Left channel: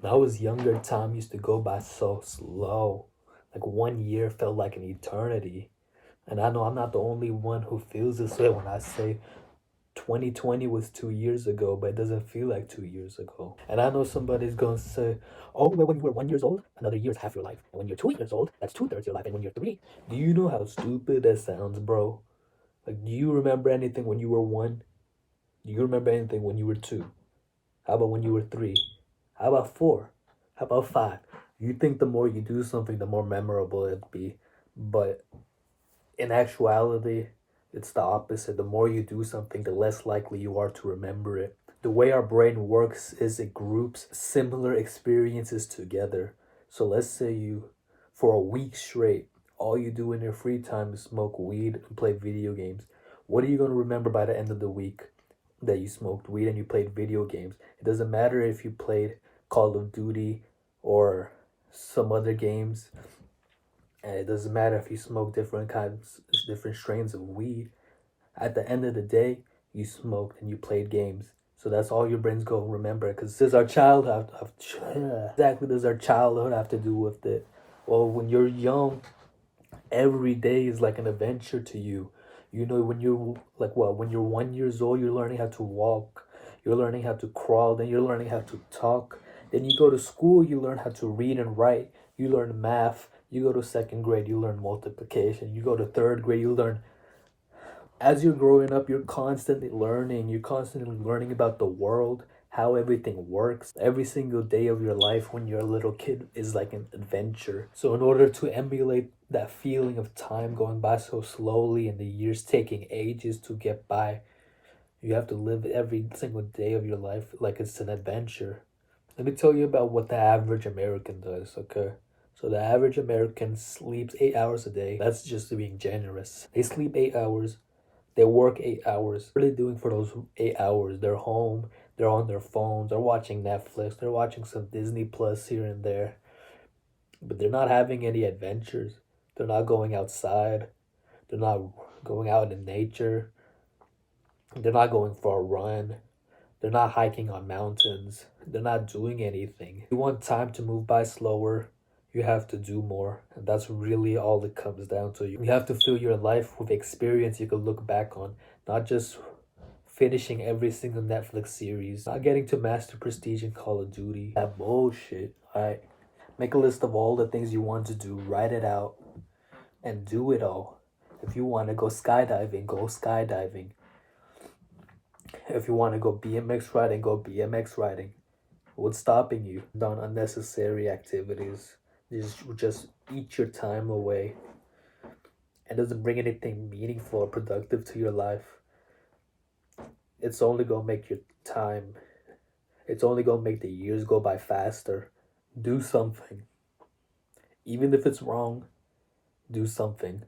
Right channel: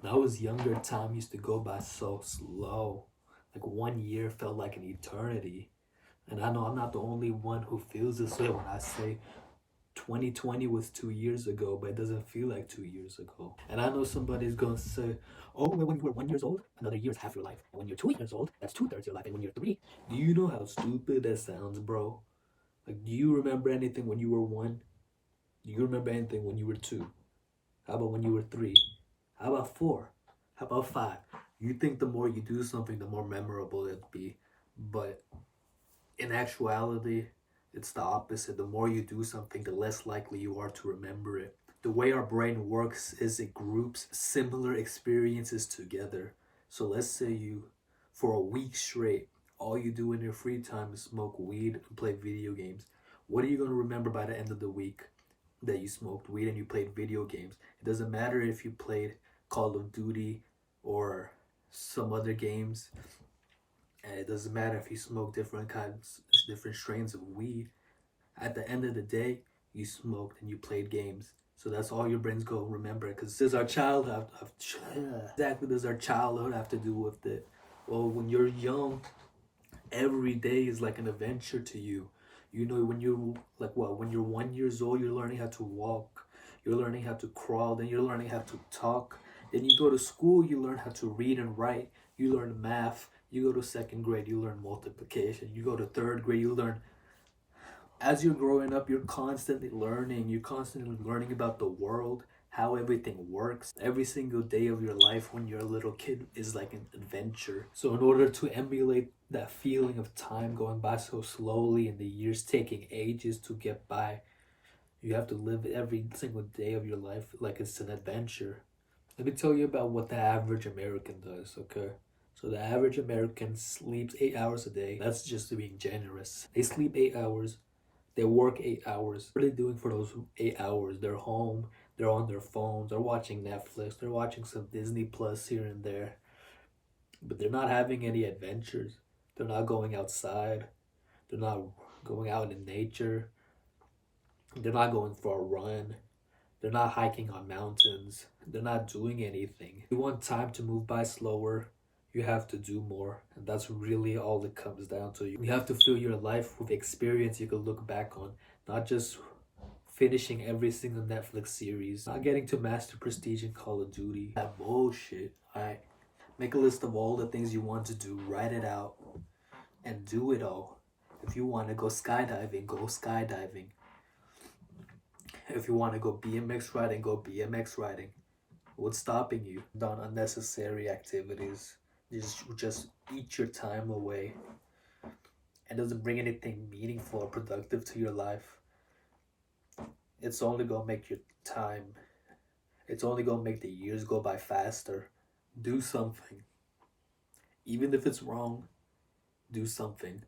When I was younger, time used to go by so slow. Like 1 year felt like an eternity. And I know I'm not the only one who feels this way when I say 2020 was 2 years ago, but it doesn't feel like 2 years ago. And I know somebody's gonna say, oh, well, when you were 1 year old, another year is half your life. And when you're 2 years old, that's two-thirds your life. And when you're three, do you know how stupid that sounds, bro? Like, do you remember anything when you were one? Do you remember anything when you were two? How about when you were three? How about four? How about five? You think the more you do something, the more memorable it'd be. But in actuality, it's the opposite. The more you do something, the less likely you are to remember it. The way our brain works is it groups similar experiences together. So let's say you, for a week straight, all you do in your free time is smoke weed and play video games. What are you going to remember by the end of the week? That you smoked weed and you played video games. It doesn't matter if you played Call of Duty or some other games. And it doesn't matter if you smoke different kinds, different strains of weed. At the end of the day, you smoked and you played games. So that's all your brain's going to remember. Because does our childhood exactly does our childhood have to do with it? Well, when you're young, every day is like an adventure to you. You know, when you're like what? When you're 1 years old, you're learning how to walk. You're learning how to crawl. Then you're learning how to talk. Then you go to school, you learn how to read and write. You learn math. You go to second grade, you learn multiplication. You go to third grade, you learn. As you're growing up, you're constantly learning. You're constantly learning about the world, how everything works. Every single day of your life when you're a little kid is like an adventure. So, in order to emulate that feeling of time going by so slowly and the years taking ages to get by, you have to live every single day of your life like it's an adventure. Let me tell you about what the average American does, okay? So the average American sleeps 8 hours a day. That's just being generous. They sleep 8 hours. They work 8 hours. What are they doing for those 8 hours? They're home. They're on their phones. They're watching Netflix. They're watching some Disney Plus here and there. But they're not having any adventures. They're not going outside. They're not going out in nature. They're not going for a run. They're not hiking on mountains. They're not doing anything. You want time to move by slower, you have to do more. And that's really all it comes down to. You have to fill your life with experience you can look back on, not just finishing every single Netflix series, not getting to master prestige in Call of Duty. That bullshit. Alright. Make a list of all the things you want to do, write it out, and do it all. If you want to go skydiving, go skydiving. If you want to go BMX riding, go BMX riding. What's stopping you? Done unnecessary activities. Just eat your time away. It doesn't bring anything meaningful or productive to your life. It's only gonna make your time. It's only gonna make the years go by faster. Do something. Even if it's wrong, do something.